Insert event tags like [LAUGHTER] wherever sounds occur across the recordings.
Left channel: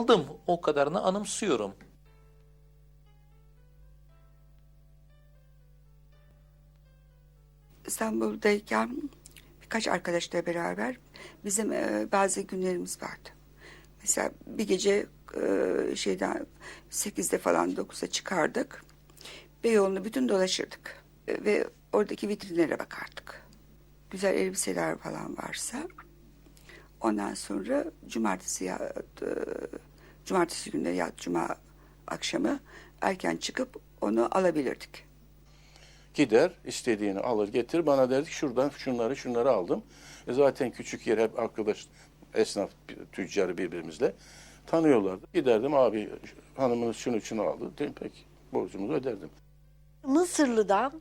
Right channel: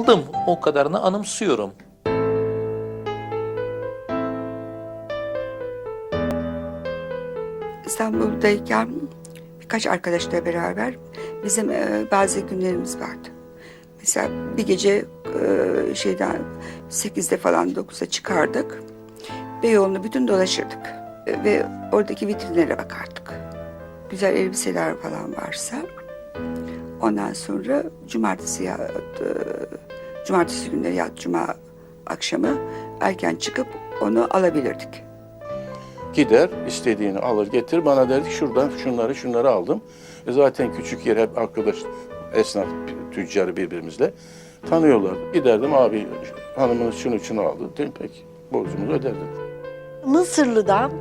aldım. O kadarını anımsıyorum. İstanbul'dayken birkaç arkadaşla beraber bizim e, bazı günlerimiz vardı. Mesela bir gece e, şeyden 8'de falan 9'a çıkardık. Beyoğlu'nu bütün dolaşırdık. Ve oradaki vitrinlere bakardık. Güzel elbiseler falan varsa. Ondan sonra cumartesi ya, e, cumartesi günleri ya cuma akşamı erken çıkıp onu alabilirdik. Gider istediğini alır getir bana derdi ki şuradan şunları şunları aldım. E zaten küçük yer hep arkadaş esnaf tüccarı birbirimizle tanıyorlardı. Giderdim abi hanımınız şunu şunu aldı. Dedim peki borcumuzu öderdim. Mısırlı'dan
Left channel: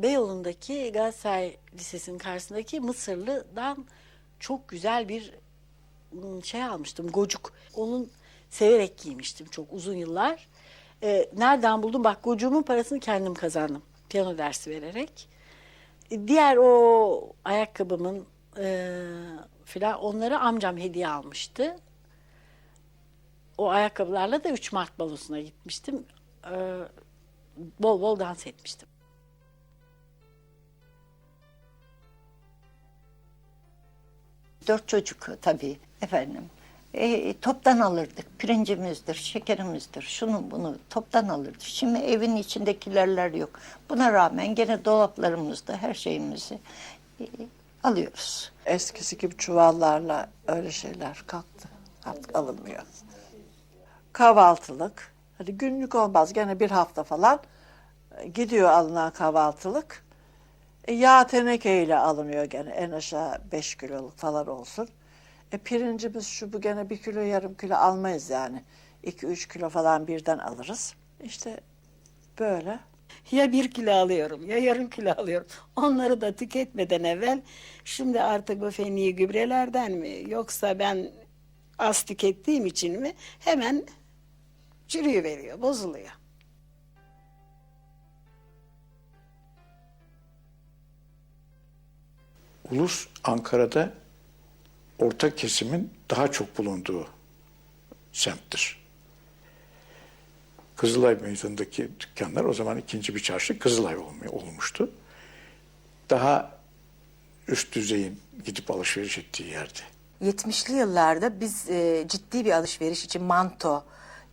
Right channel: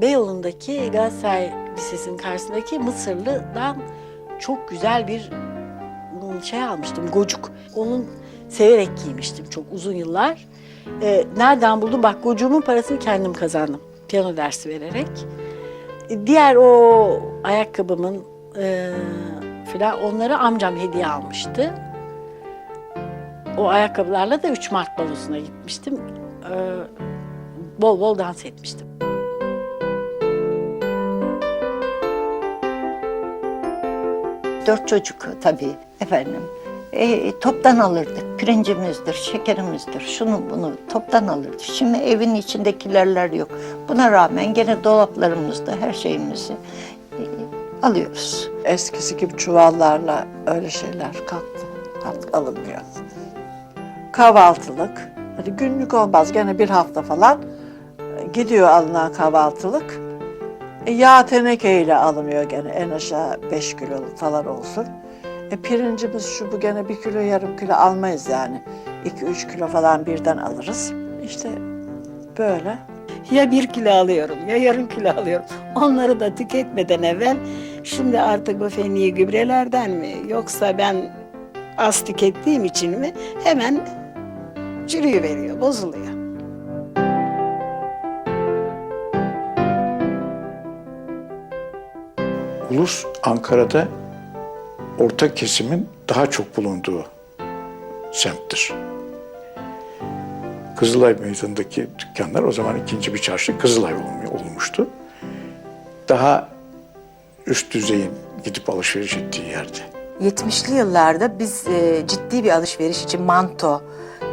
Beyoğlu'ndaki Galatasaray Lisesi'nin karşısındaki Mısırlı'dan çok güzel bir hmm, şey almıştım, gocuk. Onun severek giymiştim çok uzun yıllar. Ee, nereden buldum? Bak gocuğumun parasını kendim kazandım. Piyano dersi vererek. Ee, Diğer o ayakkabımın e, filan onları amcam hediye almıştı. O ayakkabılarla da 3 Mart balosuna gitmiştim. Ee, bol bol dans etmiştim. Dört çocuk tabii efendim. E, toptan alırdık. Pirincimizdir, şekerimizdir, şunu bunu toptan alırdık. Şimdi evin içindekilerler yok. Buna rağmen gene dolaplarımızda her şeyimizi e, alıyoruz. eskisi gibi çuvallarla öyle şeyler kalktı. Artık alınmıyor. Kahvaltılık. Hadi günlük olmaz gene bir hafta falan e, gidiyor alınan kahvaltılık. E, yağ tenekeyle alınıyor gene en aşağı 5 kiloluk falan olsun. E, pirincimiz şu bu gene bir kilo yarım kilo almayız yani. 2-3 kilo falan birden alırız. İşte böyle. Ya bir kilo alıyorum ya yarım kilo alıyorum. Onları da tüketmeden evvel şimdi artık bu fenli gübrelerden mi yoksa ben az tükettiğim için mi hemen çürüyü veriyor, bozuluyor. Ulus Ankara'da orta kesimin daha çok bulunduğu semttir. Kızılay Meydanı'ndaki dükkanlar o zaman ikinci bir çarşı Kızılay olmu- olmuştu. Daha üst düzeyin gidip alışveriş ettiği yerde. 70'li yıllarda biz e, ciddi bir alışveriş için manto,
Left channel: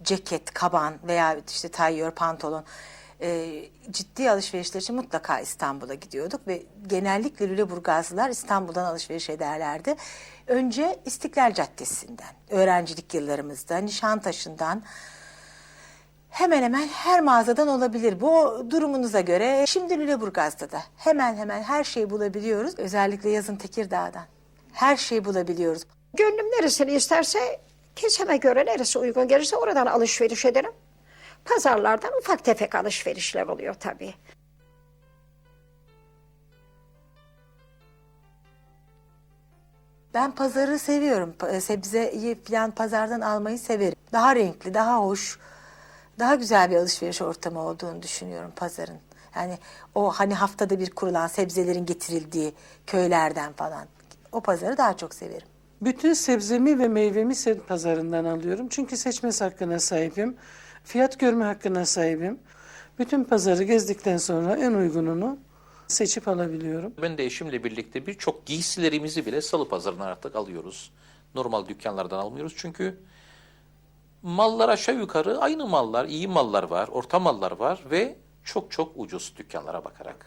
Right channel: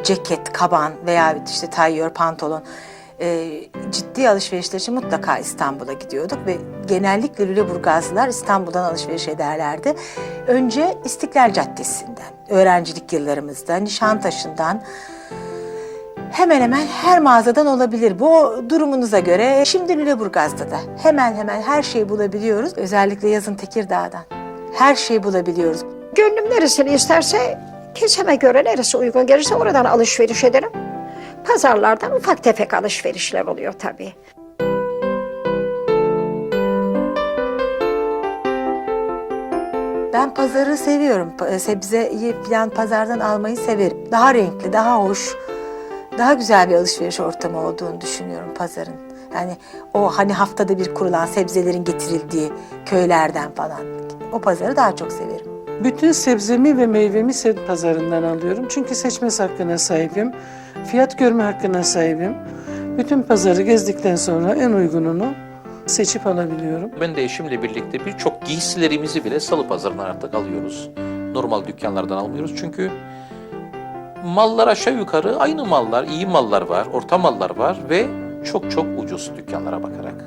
ceket, kaban veya işte tayyör, pantolon e, ciddi alışverişler için mutlaka İstanbul'a gidiyorduk ve genellikle Lüleburgazlılar İstanbul'dan alışveriş ederlerdi. Önce İstiklal Caddesi'nden, öğrencilik yıllarımızda, Nişantaşı'ndan, hemen hemen her mağazadan olabilir. Bu durumunuza göre şimdi Lüleburgaz'da da hemen hemen her şeyi bulabiliyoruz. Özellikle yazın Tekirdağ'dan. Her şeyi bulabiliyoruz. Gönlüm neresini isterse keseme göre neresi uygun gelirse oradan alışveriş ederim. Pazarlardan ufak tefek alışverişler oluyor tabii. Ben pazarı seviyorum. Pa- Sebzeyi falan pazardan almayı severim. Daha renkli, daha hoş, daha güzel bir alışveriş ortamı olduğunu düşünüyorum pazarın. Yani o hani haftada bir kurulan sebzelerin getirildiği köylerden falan. O pazarı daha çok severim. Bütün sebzemi ve meyvemi semt pazarından alıyorum. Çünkü seçmez hakkına sahibim. Fiyat görme hakkına sahibim. Bütün pazarı gezdikten sonra en uygununu seçip alabiliyorum. Ben de eşimle birlikte birçok giysilerimizi bile salı pazarından artık alıyoruz. Normal dükkanlardan almıyoruz çünkü mallar aşağı yukarı aynı mallar, iyi mallar var, orta mallar var ve çok çok ucuz dükkanlara bakarak.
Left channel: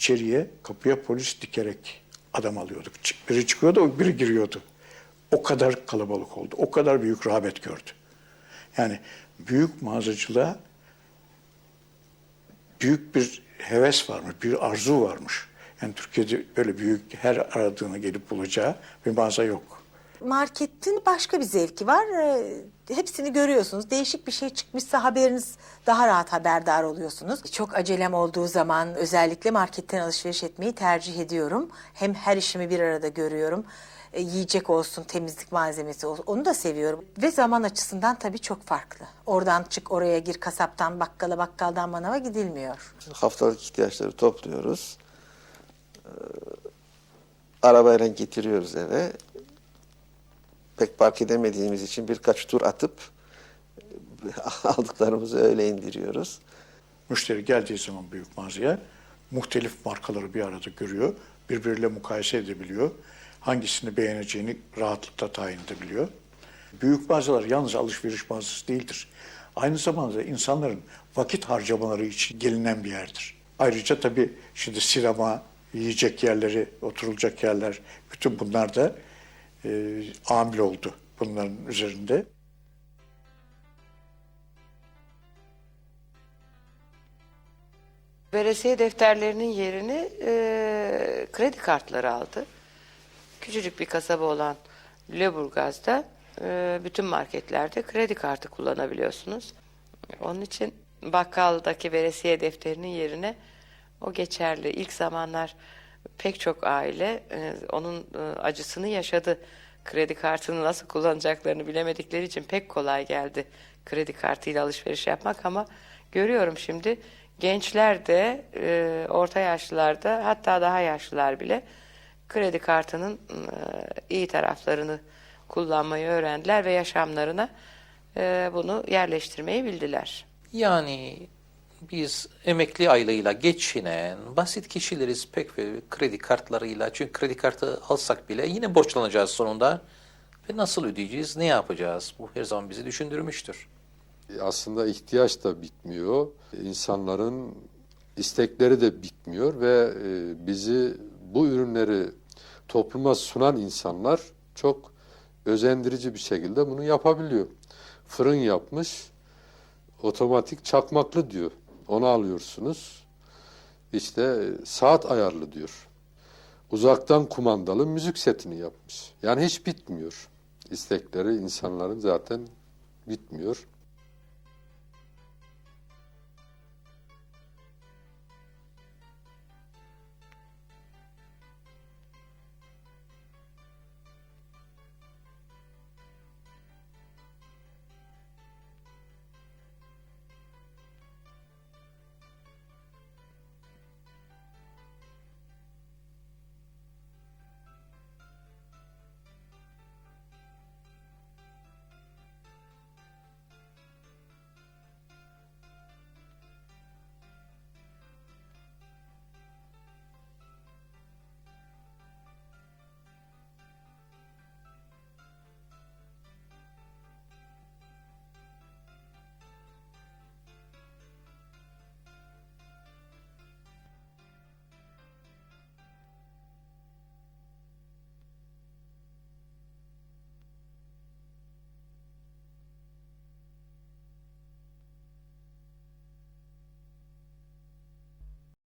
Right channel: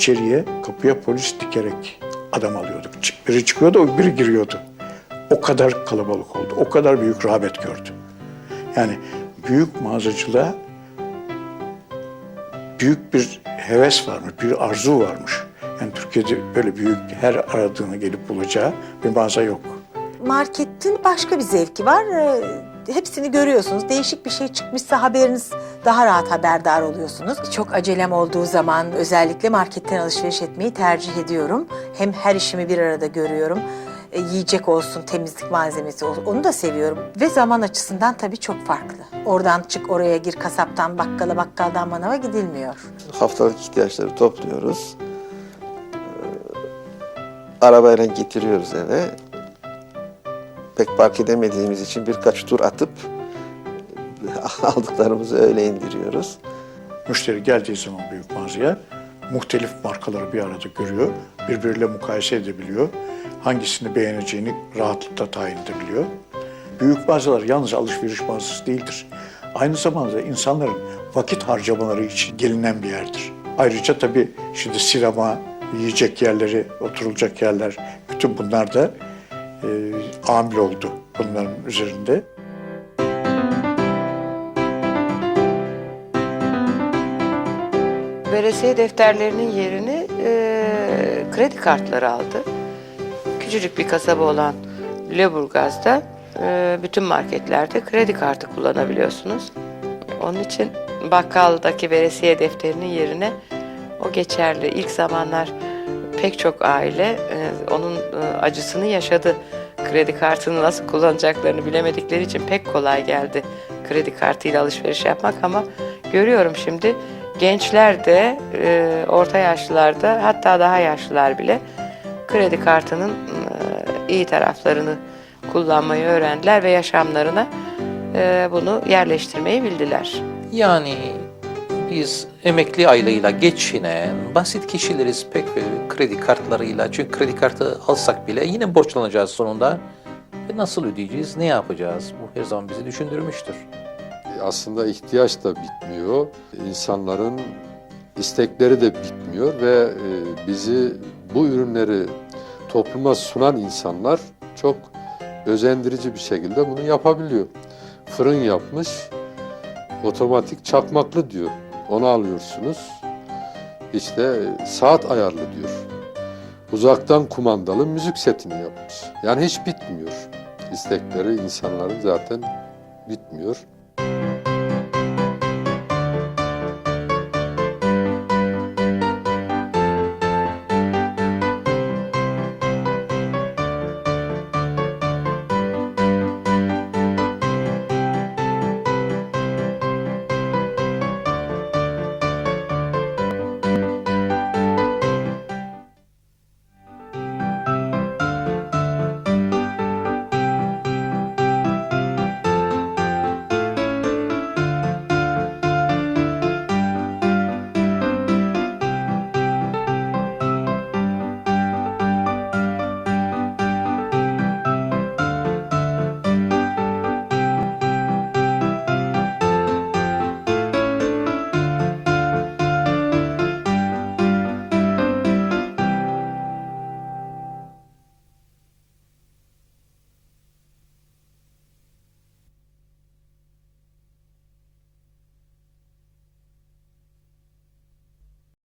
İçeriye kapıya polis dikerek adam alıyorduk. Biri çıkıyordu, biri giriyordu. O kadar kalabalık oldu. O kadar büyük rağbet gördü. Yani büyük mağazacılığa büyük bir heves varmış, bir arzu varmış. Yani Türkiye'de böyle büyük her aradığını gelip bulacağı bir mağaza yok. Marketin başka bir zevki var. Hepsini görüyorsunuz. Değişik bir şey çıkmışsa haberiniz daha rahat haberdar oluyorsunuz. Çok acelem olduğu zaman özellikle marketten alışveriş etmeyi tercih ediyorum. Hem her işimi bir arada görüyorum. E, yiyecek olsun, temizlik malzemesi olsun onu da seviyorum. Ve zaman açısından tabii çok farklı. Oradan çık oraya gir kasaptan bakkala bakkaldan manava gidilmiyor. haftalık ihtiyaçları topluyoruz. Ee, arabayla getiriyoruz eve. Pek park edemediğimiz için birkaç tur atıp [LAUGHS] aldıklarımızı öyle indiriyoruz. Müşteri geldiği zaman büyük mağazaya muhtelif markaları bir arada görüyor. Birbiriyle mukayese edebiliyor. Hangisini beğeneceğini rahatlıkla tayin edebiliyor. Büyük mağazalar yalnız alışveriş mağazası değildir. Aynı zamanda insanların vakit harcamaları için gelinen bir yerdir. Ayrıca tabii şimdi sinema, yiyecek yerleri, oturulacak yerler, bütün bunlar da e, amil oldu bunların üzerinde. Veresiye defterlerinin yerini e, kredi kartları aldı. Küçücük bir kasaba olan Lüleburgaz'da e, bütün marketlerde kredi kartı kullanabiliyorsunuz. Onun için bakkaldaki veresiye defterinin yerine o geçerli. İlk zamanlar pek çok aile e, onun e, acısını yaşadı. Kredi kartını nasıl kullanacaklarını bilemedikleri için pek kolay geldi kredi kartıyla alışveriş yapmak ama görüyorum şimdi gençler de e, orta yaşlılar da hatta daha yaşlılar bile kredi kartının e, iyi taraflarını kullanmayı öğrendiler ve yaşamlarına e, bunu yerleştirmeyi bildiler. Yani biz emekli aylığıyla geçinen basit kişileriz pek e, kredi kartlarıyla. Çünkü kredi kartı alsak bile yine borçlanacağız sonunda. Ve nasıl ödeyeceğiz, ne yapacağız? Bu her zaman bizi düşündürmüştür. aslında ihtiyaç da bitmiyor. İnsanların istekleri de bitmiyor ve e, bizi bu ürünleri topluma sunan insanlar çok özendirici bir şekilde bunu yapabiliyor. Fırın yapmış, otomatik çakmaklı diyor. Onu alıyorsunuz. İşte saat ayarlı diyor. Uzaktan kumandalı müzik setini yapmış. Yani hiç bitmiyor. İstekleri insanların zaten bitmiyor.